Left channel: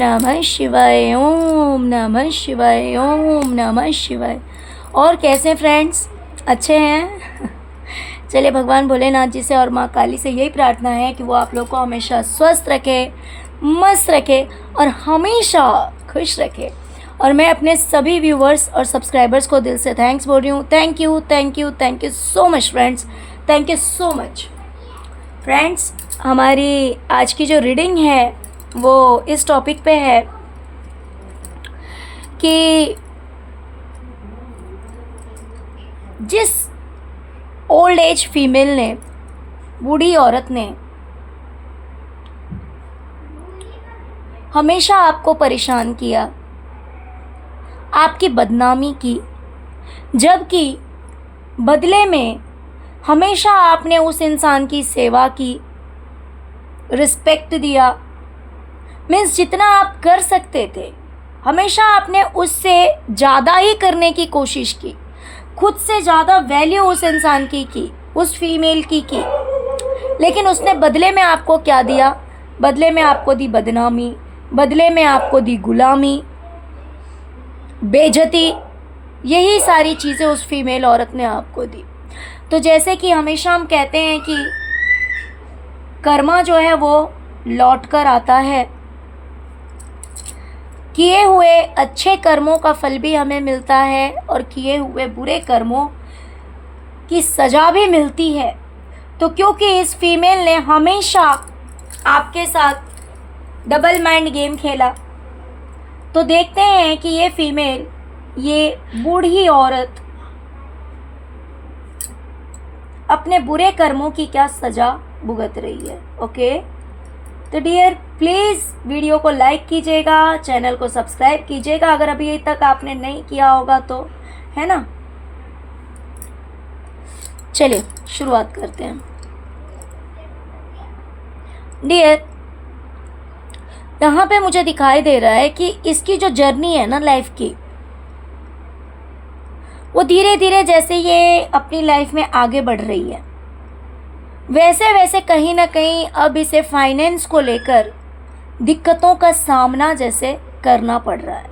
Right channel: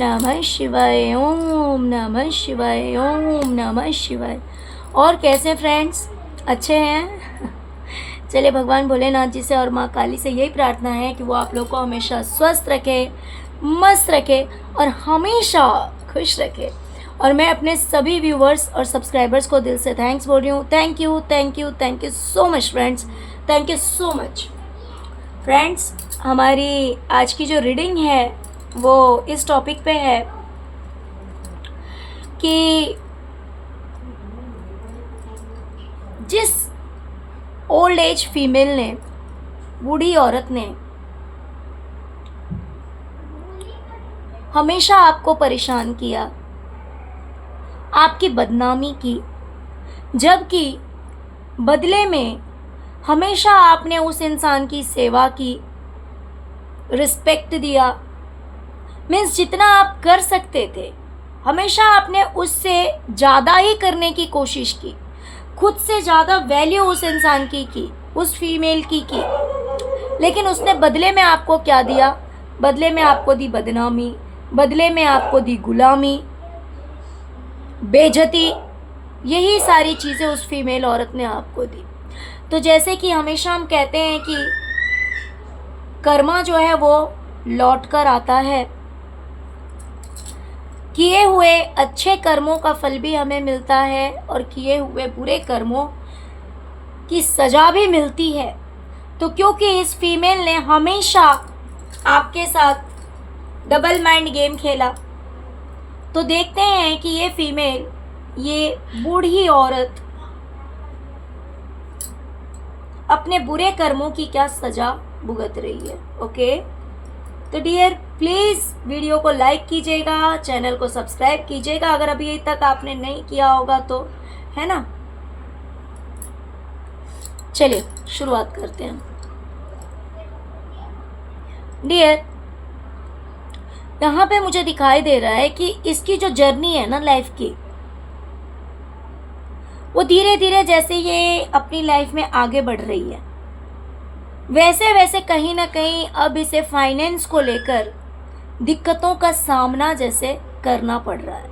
नमः शिवाय, ओम नमः शिवाय, ओम नमः शिवाय। और कैसे फ्रेंड्स, अच्छे हैं? चलिए, भगवान भोलेनाथ जी से और माँ काली से यही प्रार्थना है कि वो आप लोग को हमेशा स्वस्थ रखे, मस्त रखे और हमेशा खुश रखे। और मैं अपने सभी व्यूवर्स और सब्सक्राइबर्स को दिल से थैंक्स बोल रही हूँ। Thank you, thank you, thank you so much friends, thank you so much friends. हमारी आज की जो रीडिंग है वो इस टॉपिक पे है कि जिस ओल्ड एज फीमेल ने, बूढ़ी औरत ने हमेशा आपको परेशान किया, आपकी बदनामी की, जबकि बदले में हमेशा आपने उस इंसान की सेवा की, रिस्पेक्ट दिया, मीन्स जितना आप कर सकते थे हमेशा आपने उससे ज़्यादा ही करने की कोशिश की, खुद से ज़्यादा वैल्यू उस इंसान की, उस फीमेल की। लेकिन उसने बदले में आपको क्या दिया? बदले में आपको दी बदनामी, बदले में आपको दी गुलामी, बेइज्जती। यही सारी चीज़ें उस फीमेल औरत ने आपको दी। तो जैसे कि हमेशा हम कहते हैं कि कर्मा जो है वो लौट कर आता है, किए हुए अच्छे कर्मों का फल भी हमें मिलता है और किए हुए बुरे कर्मों की सज़ा भी मिलती है। तो क्योंकि इस फीमेल ने हमेशा आपके साथ डबल माइंड गेम खेला, तो देखते हैं कि ये फीमेल, ये बूढ़ी औरत अपने बुरे कर्मों की क्या सज़ा भुगत रही है। ओके, तो डियर प्लीज़ वीडियो को लाइक कीजिएगा, चैनल को सब्सक्राइब कीजिएगा अगर अभी तक आपने नहीं किया होगा तो, है ना। चलिए शुरुआत करते हैं। डियर, यहाँ पे मुझे दिखाई दे रहा है कि इसकी जो जर्नी है ना लाइफ की, वो धीरे धीरे जैसे ये अपनी लाइफ में आगे बढ़ रही है, वैसे वैसे कहीं ना कहीं अब इसे फाइनेंस को लेकर दिक्कतों का सामना जैसे करना पड़ रहा है।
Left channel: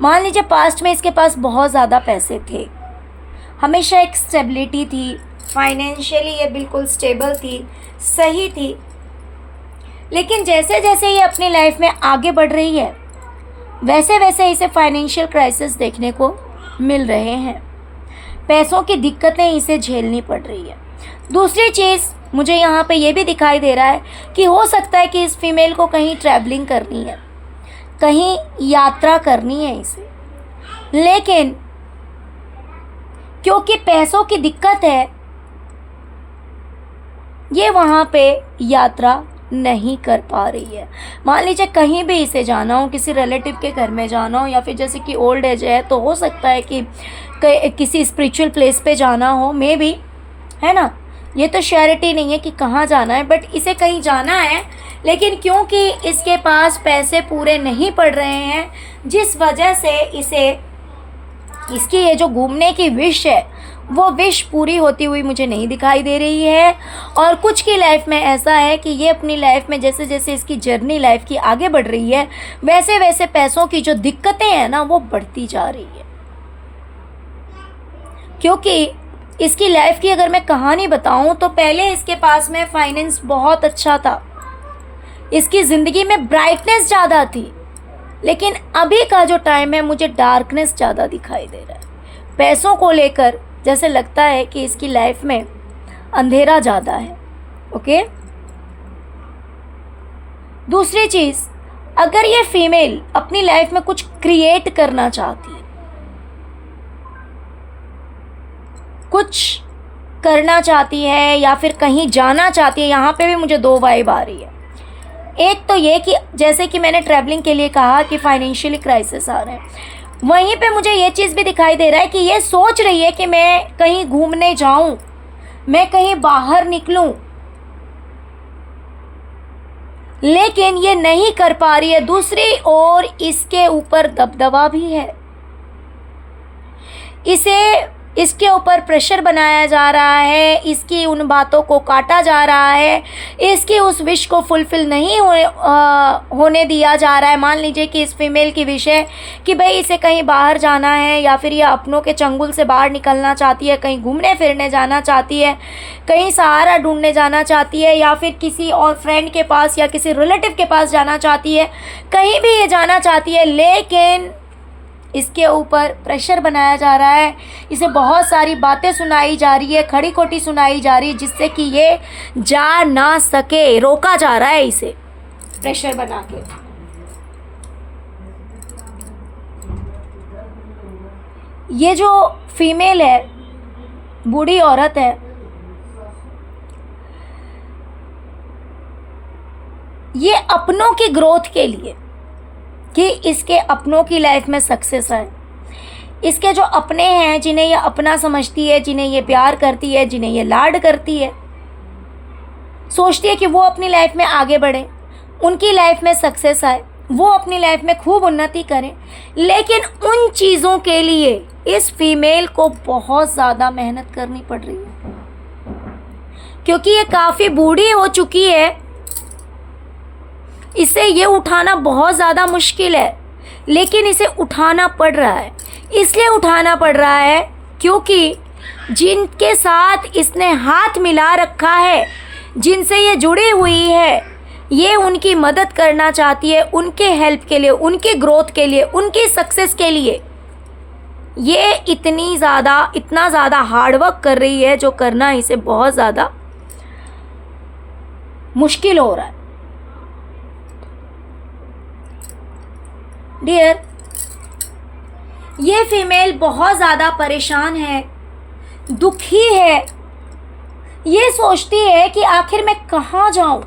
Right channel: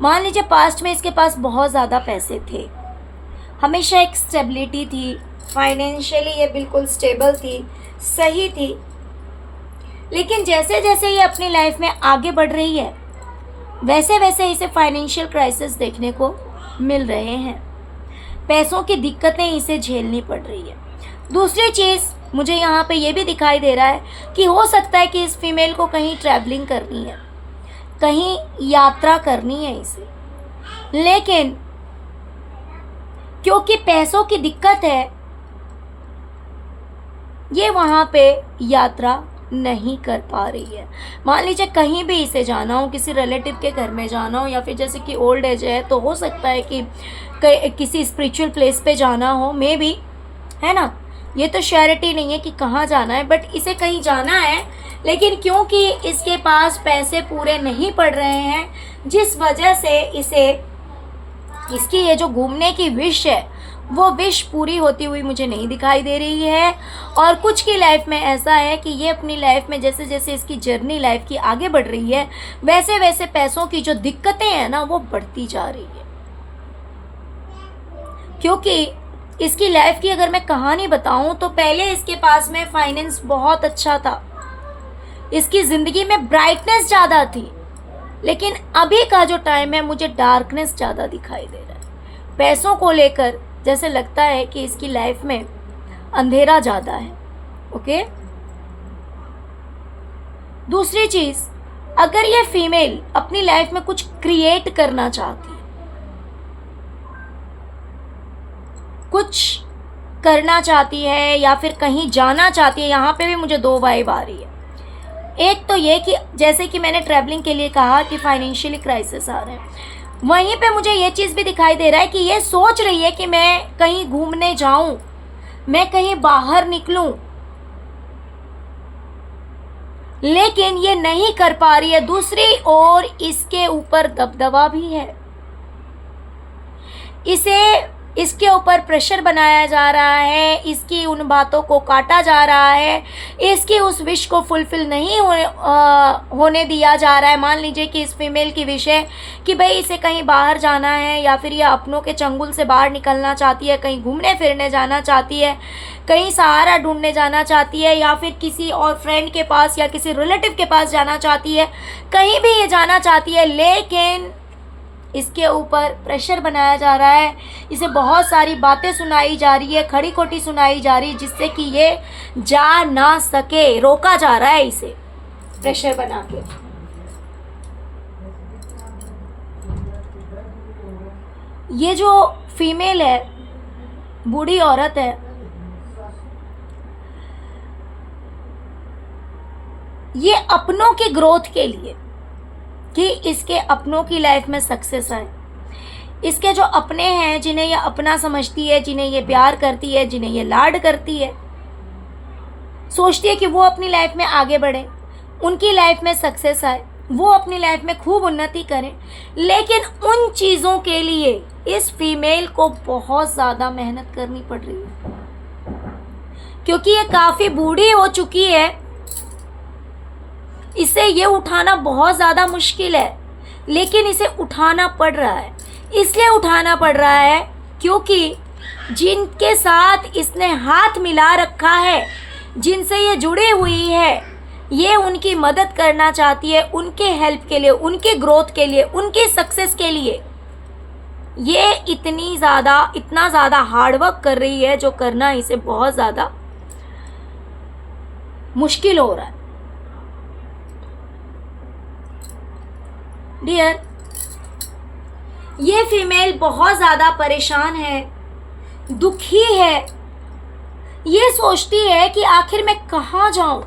मान लीजिए पास्ट में इसके पास बहुत ज़्यादा पैसे थे, हमेशा एक स्टेबिलिटी थी, फाइनेंशियली ये बिल्कुल स्टेबल थी, सही थी। लेकिन जैसे जैसे ये अपनी लाइफ में आगे बढ़ रही है, वैसे वैसे इसे फाइनेंशियल क्राइसिस देखने को मिल रहे हैं, पैसों की दिक्कतें इसे झेलनी पड़ रही है। दूसरी चीज़ मुझे यहाँ पे ये भी दिखाई दे रहा है कि हो सकता है कि इस फीमेल को कहीं ट्रैवलिंग करनी है, कहीं यात्रा करनी है इसे, लेकिन क्योंकि पैसों की दिक्कत है ये वहाँ पे यात्रा नहीं कर पा रही है। मान लीजिए कहीं भी इसे जाना हो, किसी रिलेटिव के घर में जाना हो, या फिर जैसे कि ओल्ड एज है तो हो सकता है कि किसी स्पिरिचुअल प्लेस पे जाना हो, मे बी, है ना। ये तो श्योरिटी नहीं है कि कहाँ जाना है, बट इसे कहीं जाना है, लेकिन क्योंकि इसके पास पैसे पूरे नहीं पड़ रहे हैं, जिस वजह से इसे इसकी ये जो घूमने की विश है वो विश पूरी होती हुई मुझे नहीं दिखाई दे रही है। और कुछ की लाइफ में ऐसा है कि ये अपनी लाइफ में जैसे जैसे इसकी जर्नी लाइफ की आगे बढ़ रही है, वैसे वैसे पैसों की जो दिक्कतें हैं ना वो बढ़ती जा रही है। क्योंकि इसकी लाइफ की अगर मैं कहानी बताऊं तो पहले इसके पास में फाइनेंस बहुत अच्छा था, इसकी ज़िंदगी में ब्राइटनेस ज़्यादा थी, लेकिन अभी का जो टाइम है मुझे डार्कनेस ज़्यादा दिखाई दे रहा है। पैसों को लेकर जैसे लगता है कि इसकी लाइफ में अंधेरा ज़्यादा है। ओके, दूसरी चीज़, अगर ये फीमेल अपनी लाइफ में कुछ क्रिएट करना चाहती है, कुछ करना चाहती है या फिर कहीं जाना चाहती है, यहाँ पे भी मुझे दो वाइब आ रही है। एक तो ये कि जैसे कि मैंने ट्रैवलिंग के लिए कहा कि फाइनेंशियली क्राइसिस आ रहे हैं, वहीं पे मुझे ये चीज़ भी दिखाई दे रहा है कि ये सोच रही है कि मैं कहीं घूमने जाऊं, मैं कहीं बाहर निकलूं, लेकिन ये नहीं कर पा रही है। दूसरी ओर इसके ऊपर दबदबा भी है, इसे इसके ऊपर प्रेशर बनाया जा रहा है, इसकी उन बातों को काटा जा रहा है, इसकी उस विश को फुलफ़िल नहीं होने दिया जा रहा है। मान लीजिए कि इस फीमेल की विश है कि भाई इसे कहीं बाहर जाना है, या फिर ये अपनों के चंगुल से बाहर निकलना चाहती है, कहीं घूमने फिरने जाना चाहती है, कहीं सहारा ढूंढने जाना चाहती है, या फिर किसी और फ्रेंड के पास या किसी रिलेटिव के पास जाना चाहती है, कहीं भी ये जाना चाहती है, लेकिन इसके ऊपर प्रेशर बनाया जा रहा है, इसे बहुत सारी बातें सुनाई जा रही है, खड़ी खोटी सुनाई जा रही है, जिससे कि ये जा ना सके, रोका जा रहा है इसे प्रेशर बना के। ये जो फीमेल है, बूढ़ी औरत है, ये अपनों की ग्रोथ के लिए, कि इसके अपनों की लाइफ में सक्सेस आए, इसके जो अपने हैं जिन्हें ये अपना समझती है, जिन्हें ये प्यार करती है, जिन्हें ये लाड करती है, सोचती है कि वो अपनी लाइफ में आगे बढ़े, उनकी लाइफ में सक्सेस आए, वो अपनी लाइफ में खूब उन्नति करें। लेकिन उन चीज़ों के लिए इस फीमेल को बहुत ज़्यादा मेहनत करनी पड़ रही है, क्योंकि ये काफ़ी बूढ़ी हो चुकी है, इसे ये उठाना बहुत ज़्यादा मुश्किल है, लेकिन इसे उठाना पड़ रहा है। इसलिए उठाना पड़ रहा है क्योंकि जिनके साथ इसने हाथ मिला रखा है, जिनसे ये जुड़ी हुई है, ये उनकी मदद करना चाहती है, उनके हेल्प के लिए, उनके ग्रोथ के लिए, उनकी सक्सेस के लिए ये इतना ज़्यादा हार्डवर्क कर रही है, जो करना इसे बहुत ज़्यादा मुश्किल हो रहा है। डियर, ये फीमेल बहुत ज़्यादा परेशान है, दुखी है, ये सोचती है कि आखिर मैं कहाँ जाऊँ,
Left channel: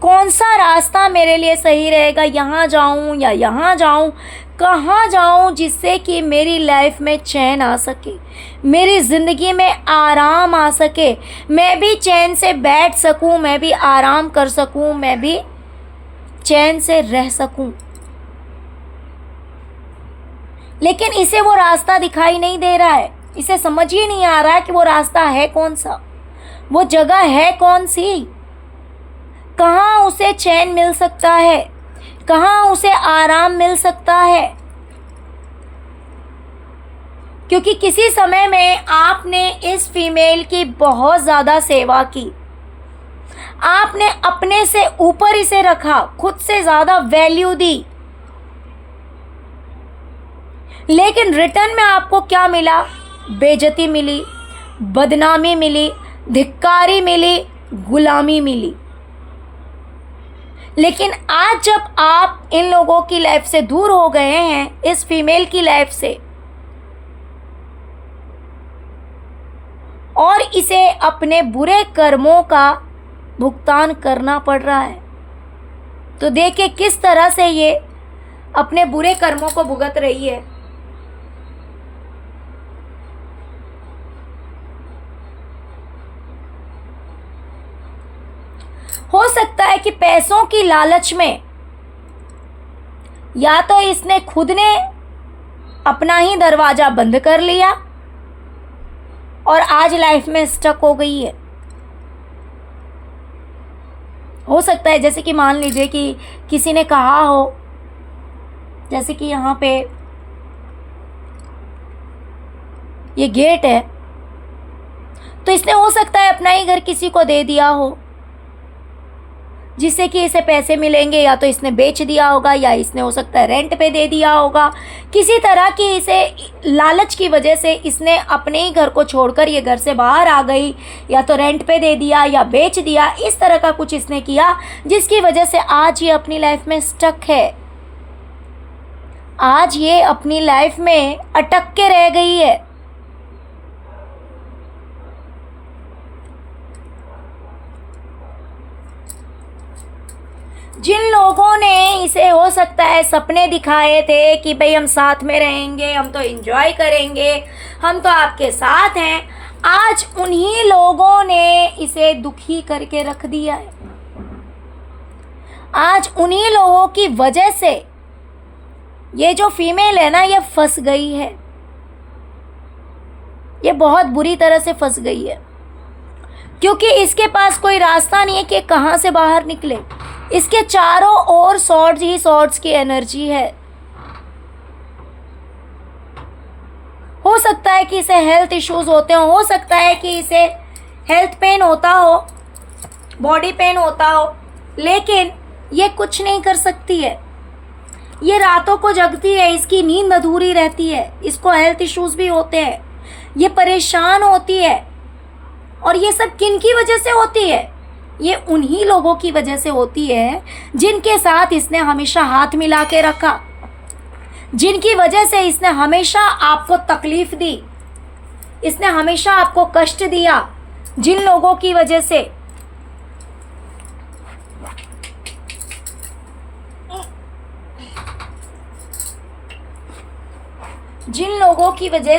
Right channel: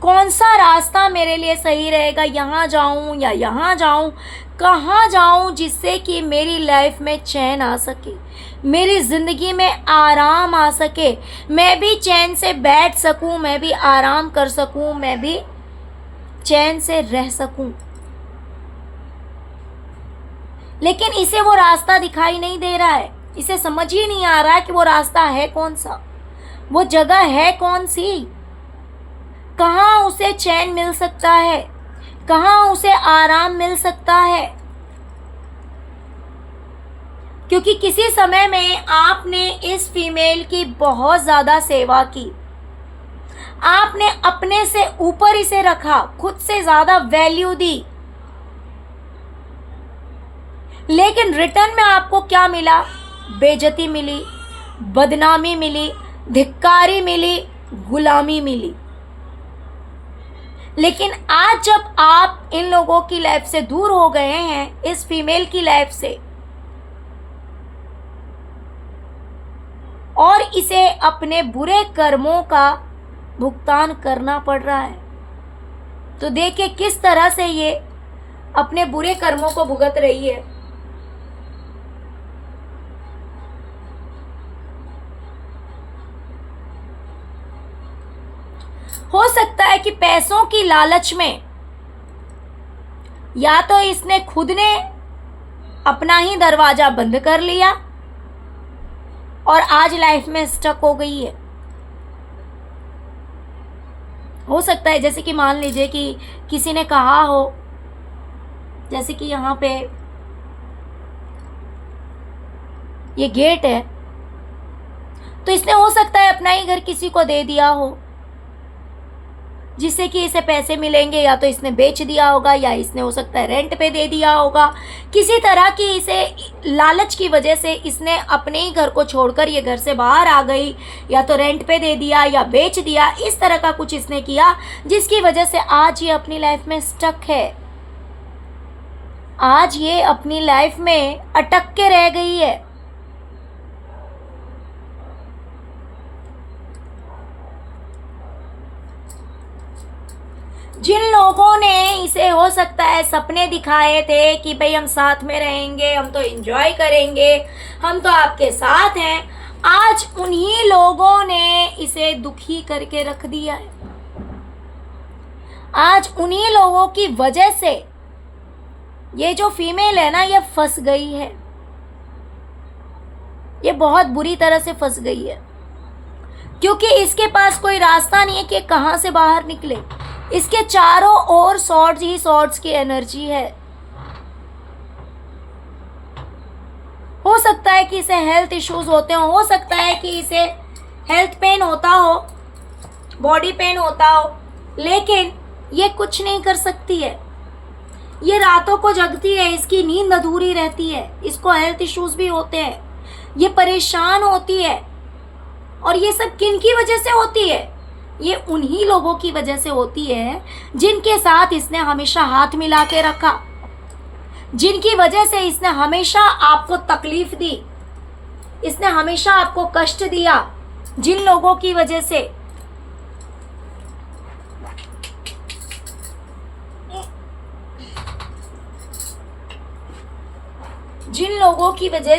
कौन सा रास्ता मेरे लिए सही रहेगा, यहाँ जाऊँ या यहाँ जाऊँ, कहाँ जाऊँ जिससे कि मेरी लाइफ में चैन आ सके, मेरी ज़िंदगी में आराम आ सके, मैं भी चैन से बैठ सकूँ, मैं भी आराम कर सकूँ, मैं भी चैन से रह सकूँ। लेकिन इसे वो रास्ता दिखाई नहीं दे रहा है, इसे समझ ही नहीं आ रहा है कि वो रास्ता है कौन सा, वो जगह है कौन सी, कहाँ उसे चैन मिल सकता है, कहाँ उसे आराम मिल सकता है। क्योंकि किसी समय में आपने इस फीमेल की बहुत ज़्यादा सेवा की, आपने अपने से ऊपर इसे रखा, खुद से ज़्यादा वैल्यू दी, लेकिन रिटर्न में आपको क्या मिला? बेइज्जती मिली, बदनामी मिली, धिक्कारी मिली, गुलामी मिली। लेकिन आज जब आप इन लोगों की लाइफ से दूर हो गए हैं, इस फीमेल की लाइफ से, और इसे अपने बुरे कर्मों का भुगतान करना पड़ रहा है, तो देखिए किस तरह से ये अपने बुरे कर्मों को भुगत रही है। हो सकता है कि पैसों की लालच में या तो इसने खुद ने अपना ही दरवाजा बंद कर लिया और आज लाइफ में स्टक हो गई है। हो सकता है जैसे कि मान लीजिए कि किसी ने कहा हो, जैसे कि यहाँ पे ये गेट है, तो इसने हो सकता है अपना ही घर किसी को दे दिया हो, जिससे कि इसे पैसे मिलेंगे, या तो इसने बेच दिया होगा, या इसने हो सकता है रेंट पे दे दिया होगा। किसी तरह की इसे लालच की वजह से इसने अपने ही घर को छोड़कर ये घर से बाहर आ गई, या तो रेंट पे दे दिया या बेच दिया, इस तरह का कुछ इसने किया, जिसकी वजह से आज ये अपनी लाइफ में स्टक है, आज ये अपनी लाइफ में अटक के रह गई है। जिन लोगों ने इसे हो सकता है सपने दिखाए थे कि भाई हम साथ में रहेंगे, हम तो एंजॉय करेंगे, हम तो आपके साथ हैं, आज उन्हीं लोगों ने इसे दुखी करके रख दिया है। आज उन्हीं लोगों की वजह से ये जो फीमेल है ना, ये फंस गई है। ये बहुत बुरी तरह से फंस गई है, क्योंकि इसके पास कोई रास्ता नहीं है कि कहाँ से बाहर निकले। इसके चारों ओर सॉर्ड्स ही सॉर्ड्स की एनर्जी है। हो सकता है कि इसे हेल्थ इश्यूज होते हो सकता है कि इसे हेल्थ पेन होता हो, बॉडी पेन होता हो, लेकिन ये कुछ नहीं कर सकती है। ये रातों को जगती है, इसकी नींद अधूरी रहती है, इसको हेल्थ इश्यूज भी होते हैं, ये परेशान होती है। और ये सब किन की वजह से होती है? ये उन्हीं लोगों की वजह से होती है जिनके साथ इसने हमेशा हाथ मिला के रखा, जिनकी वजह से इसने हमेशा आपको तकलीफ दी, इसने हमेशा आपको कष्ट दिया, जिन लोगों की वजह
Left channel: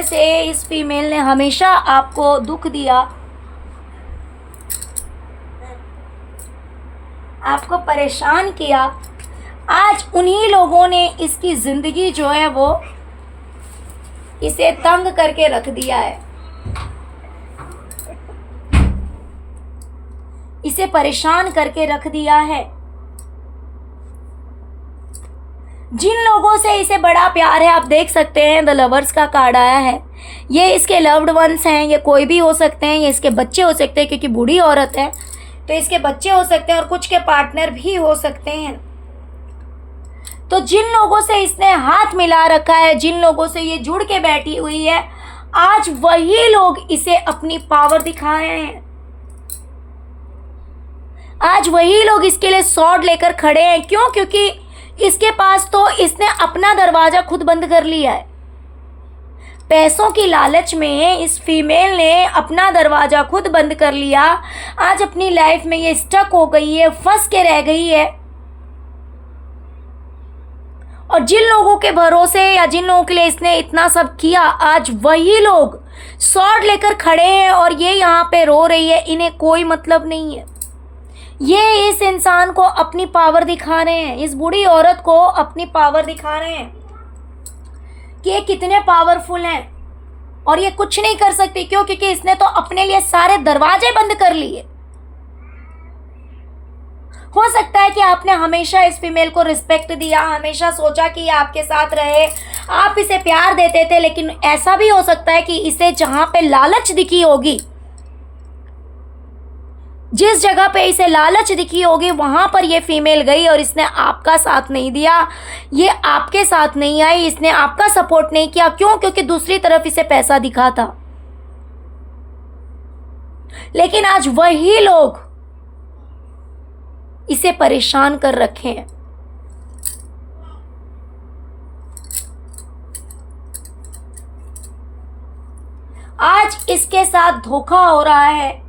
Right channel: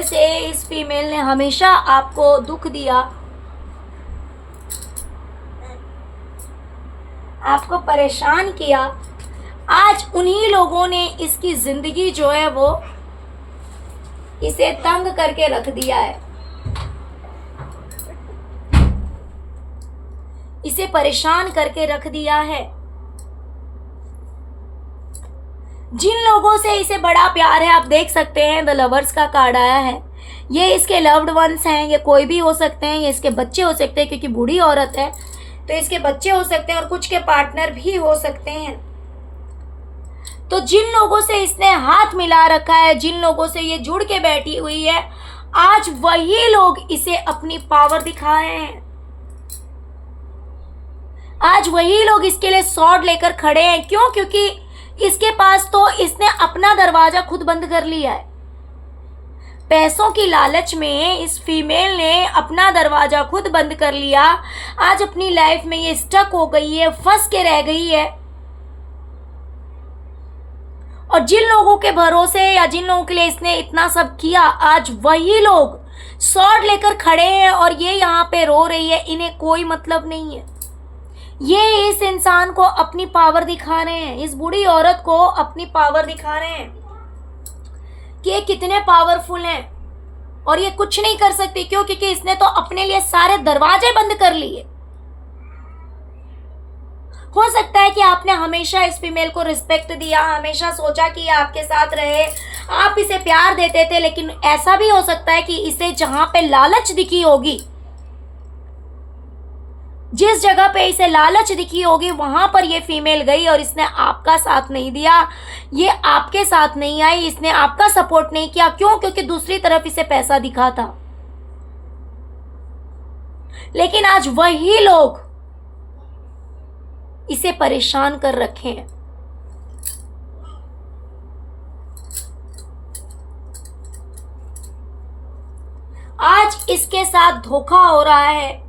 से इस फीमेल ने हमेशा आपको दुख दिया, आपको परेशान किया। आज उन्हीं लोगों ने इसकी जिंदगी जो है वो इसे तंग करके रख दिया है, इसे परेशान करके रख दिया है। जिन लोगों से इसे बड़ा प्यार है, आप देख सकते हैं द लवर्स का कार्ड आया है। ये इसके लव्ड वंस हैं, ये कोई भी हो सकते हैं, ये इसके बच्चे हो सकते हैं, क्योंकि बूढ़ी औरत है तो इसके बच्चे हो सकते हैं और कुछ के पार्टनर भी हो सकते हैं। तो जिन लोगों से इसने हाथ मिला रखा है, जिन लोगों से ये जुड़ के बैठी हुई है, आज वही लोग इसे अपनी पावर दिखा रहे हैं। आज वही लोग इसके लिए स्वॉर्ड लेकर खड़े हैं। क्यों? क्योंकि इसके पास तो इसने अपना दरवाजा खुद बंद कर लिया है। पैसों की लालच में इस फीमेल ने अपना दरवाजा खुद बंद कर लिया। आज अपनी लाइफ में ये स्टक हो गई है, फंस के रह गई है। और जिन लोगों के भरोसे या जिन लोगों के लिए इसने इतना सब किया, आज वही लोग स्वॉर्ड लेकर खड़े हैं और ये यहाँ पे रो रही है। इन्हें कोई मतलब नहीं है। ये इस इंसान को अपनी पावर दिखा रहे हैं, इस बूढ़ी औरत को अपनी पावर दिखा रहे हैं कि ये कितने पावरफुल हैं और ये कुछ नहीं कर सकती। क्यों? क्योंकि इसने तो अपने लिए सारे दरवाजे बंद कर लिए। हो सकता है कि आपने हमेशा इस फीमेल को रिस्पेक्ट दिया, हमेशा सोचा कि ये आपके साथ रहे, आप इसे प्यार देते थे, लेकिन ऐसा भी हो सकता है कि इसे जहां पे लालच दिखी होगी, जिस जगह पे इसे लालच दिखी होगी, वहां पर ये फीमेल गई और इसने आपका साथ नहीं दिया, ये आपके साथ नहीं आई, इसने आपका सपोर्ट नहीं किया। क्यों? क्योंकि दूसरी तरफ इसे पैसा दिखा था। लेकिन आज वही लोग इसे परेशान कर रखे हैं। आज इसके साथ धोखा हो रहा है,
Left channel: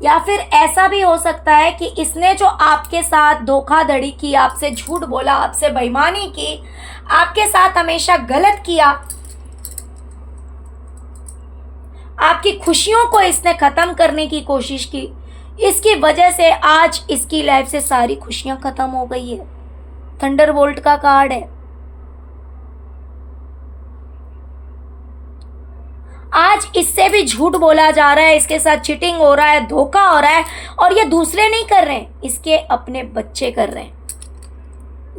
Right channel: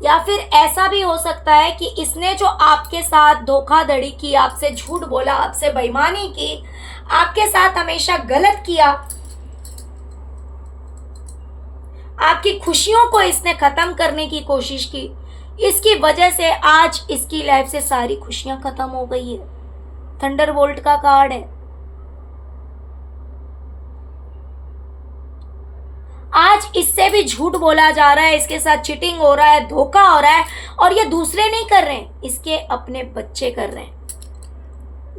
या फिर ऐसा भी हो सकता है कि इसने जो आपके साथ धोखाधड़ी की, आपसे झूठ बोला, आपसे बेईमानी की, आपके साथ हमेशा गलत किया, आपकी खुशियों को इसने खत्म करने की कोशिश की, इसकी वजह से आज इसकी लाइफ से सारी खुशियां खत्म हो गई है। थंडरबोल्ट का कार्ड है। आज इससे भी झूठ बोला जा रहा है, इसके साथ चीटिंग हो रहा है, धोखा हो रहा है, और ये दूसरे नहीं कर रहे हैं, इसके अपने बच्चे कर रहे हैं।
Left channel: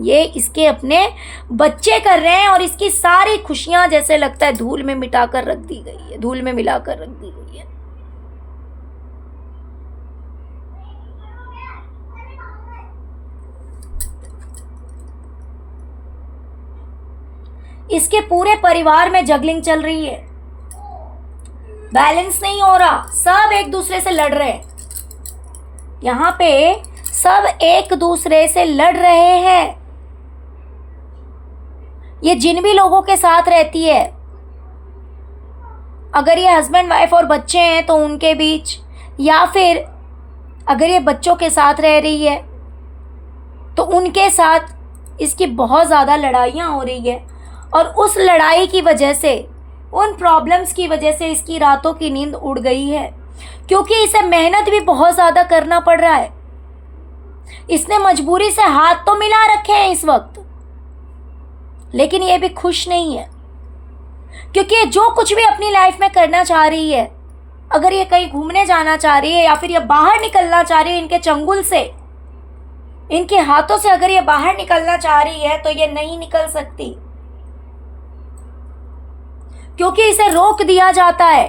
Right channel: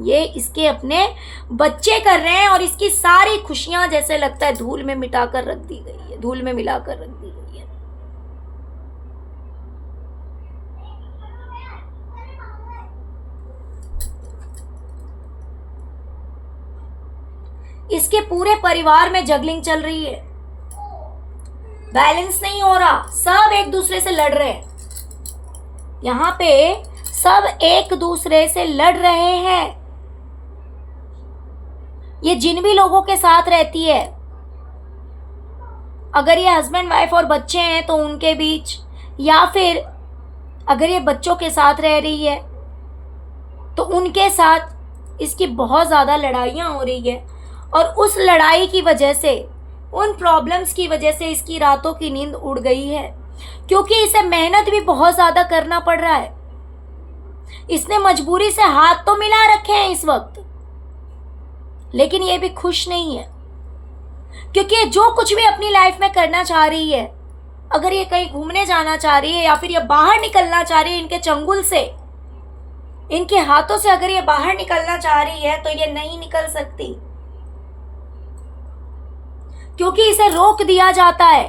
ये इसके अपने बच्चे कर रहे हैं और इसकी सारी खुशियां जैसे लगता है धूल में मिटाकर रख दी गई है, धूल में मिलाकर रख दी गई है। इसके पूरे परिवार में जगलिंग चल रही है, बैलेंस नहीं हो रहा, सब एक दूसरे से लड़ रहे हैं। यहां पे सब एक दूसरे से लड़ रहे हैं। ये जिन भी लोगों के साथ रहती है, अगर ये हस्बैंड वाइफ और बच्चे हैं तो उनके बीच, या फिर अगर ये बच्चों के साथ रह रही है तो उनके साथ इसकी बहुत ज़्यादा लड़ाइयाँ हो रही है। और उस लड़ाई की वजह से, उन प्रॉब्लम्स की वजह से इसकी रातों की नींद उड़ गई है, क्योंकि इसे मेहनत भी बहुत ज़्यादा करना पड़ रहा है। इसने मजबूरी से हाथ तो मिला रखे हैं इस वक्त, लेकिन ये भी खुश नहीं है। क्योंकि ये जो कुछ भी अपनी लाइफ में करना चाह रही है, अगर ये कहीं घूमने जाना चाह रही है या फिर ये बाहर निकलना चाह रही है इनके चंगुल से, इनके हाथों से अगर ये बाहर निकलना चाह रही है तो ये नहीं निकल सकती, क्योंकि इसे रोक दिया जाता है,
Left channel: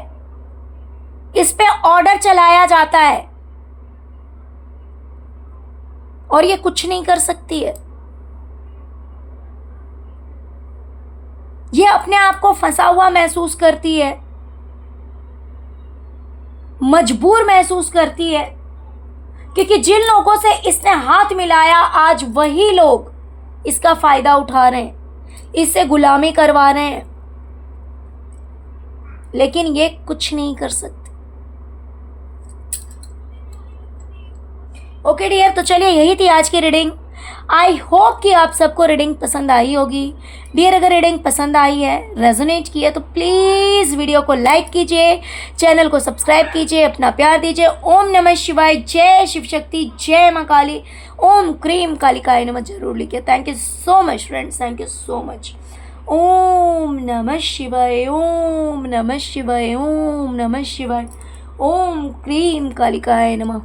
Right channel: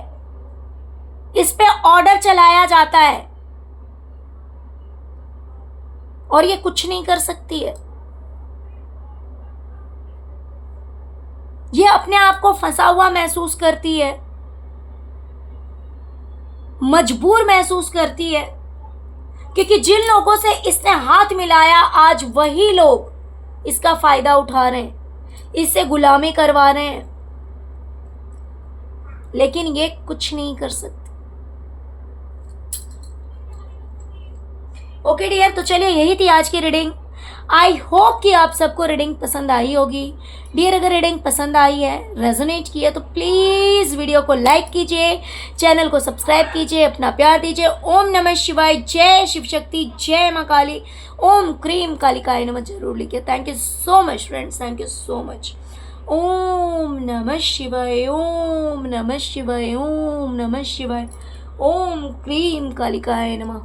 इस पे ऑर्डर चलाया जाता है और ये कुछ नहीं कर सकती है। ये अपने आप को फंसा हुआ महसूस करती है, मजबूर महसूस करती है, क्योंकि जिन लोगों से इसने हाथ मिलाया आज वही लोग इसका फायदा उठा रहे हैं, इससे गुलामी करवा रहे हैं, लेकिन ये कुछ नहीं कर सकते। ओके डियर, तो चलिए यही थी आज की रीडिंग। आई होप कि आप सबको रीडिंग पसंद आई होगी। डियर, अगर रीडिंग पसंद आई है, रेजोनेट किया, तो प्लीज़ वीडियो को लाइक कीजिए, चैनल को सब्सक्राइब कीजिए, अपना प्यार दीजिए। ओम नमः शिवाय, जय शिव शक्ति, जय माँ काली, ओम क्रीम कालिकाय नमः जरूर लिखिए। Thank you so much friends, thank you so much. Om नमः शिवाय, ओम नमः शिवाय, ओम नमः शिवाय, ओम क्रीम कालिकाय नमः।